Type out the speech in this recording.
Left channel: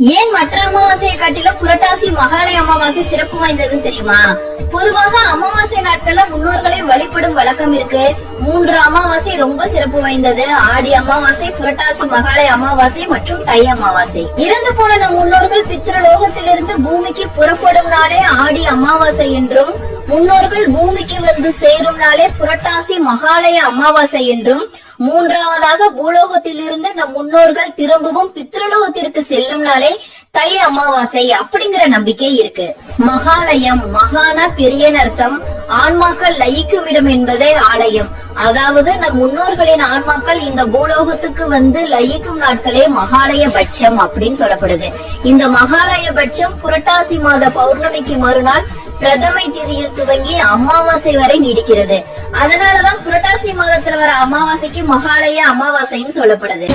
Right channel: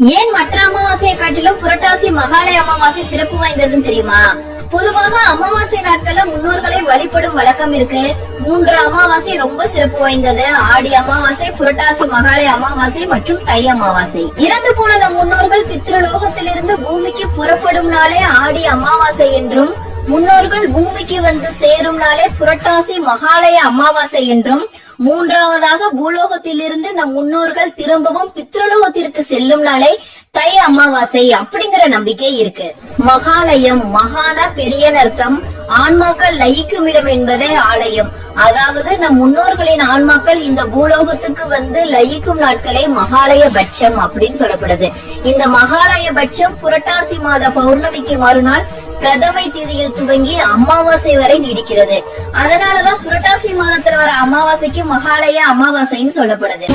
ஏன் மற்ற அமாவாசையை காட்டிலும் புரட்டாசி மகாலய அமாவாசை சிறப்பு வாய்ந்ததுன்னு தெரியுமா? பொதுவாக அமாவாசை நாட்கள்ல முன்னோர்களை வழிபடும் வழக்கம் இருக்கு. மூன்று அமாவாசை ரொம்ப சிறப்பு வாய்ந்தது. ஆடி அமாவாசை புரட்டாசி மகாலய அமாவாசை மற்றும் தை அமாவாசை. இறந்து போன நம் முன்னோர்கள் பித்ருலோகத்திலிருந்து பூமிக்கு புறப்படும் நாளே ஆடி அமாவாசை என்றும் முன்னோர்கள் பூமிக்கு வந்து சேரும் நாளே புரட்டாசி மகாலய அமாவாசை என்றும் மூன்றாவதாக பூலோகத்திலிருந்து நம் முன்னோர்கள் திரும்பவும் பித்ருலோகத்திற்கு செல்லும் நாளே தை அமாவாசை அப்படிங்கிற நம்பிக்கை இருக்கு. மகாலயம் மகான பெரிய அர்த்தம். ஆன்மாக்கள் லயிக்கும் இடம் என்பதே ஆலயம். அதாவது நம் முன்னோர்களின் ஆன்மாக்கள் இந்த பூலோகத்துக்கு வந்து லயிக்கும் நாட்களே மகாலய பட்சம் அப்படின்னு சொல்லப்படுது. இந்த மகாலய பட்சம் புரட்டாசி மாத பௌர்ணமிக்கு மறுநாள் பிரதமை திதியில் துவங்கி அமாவாசை வரை நீடிக்கிறது. அதனாலதான் புரட்டாசி மாதத்துல வர அமாவாசைக்கு மகாலய அமாவாசைன்னு சொல்லப்படுது.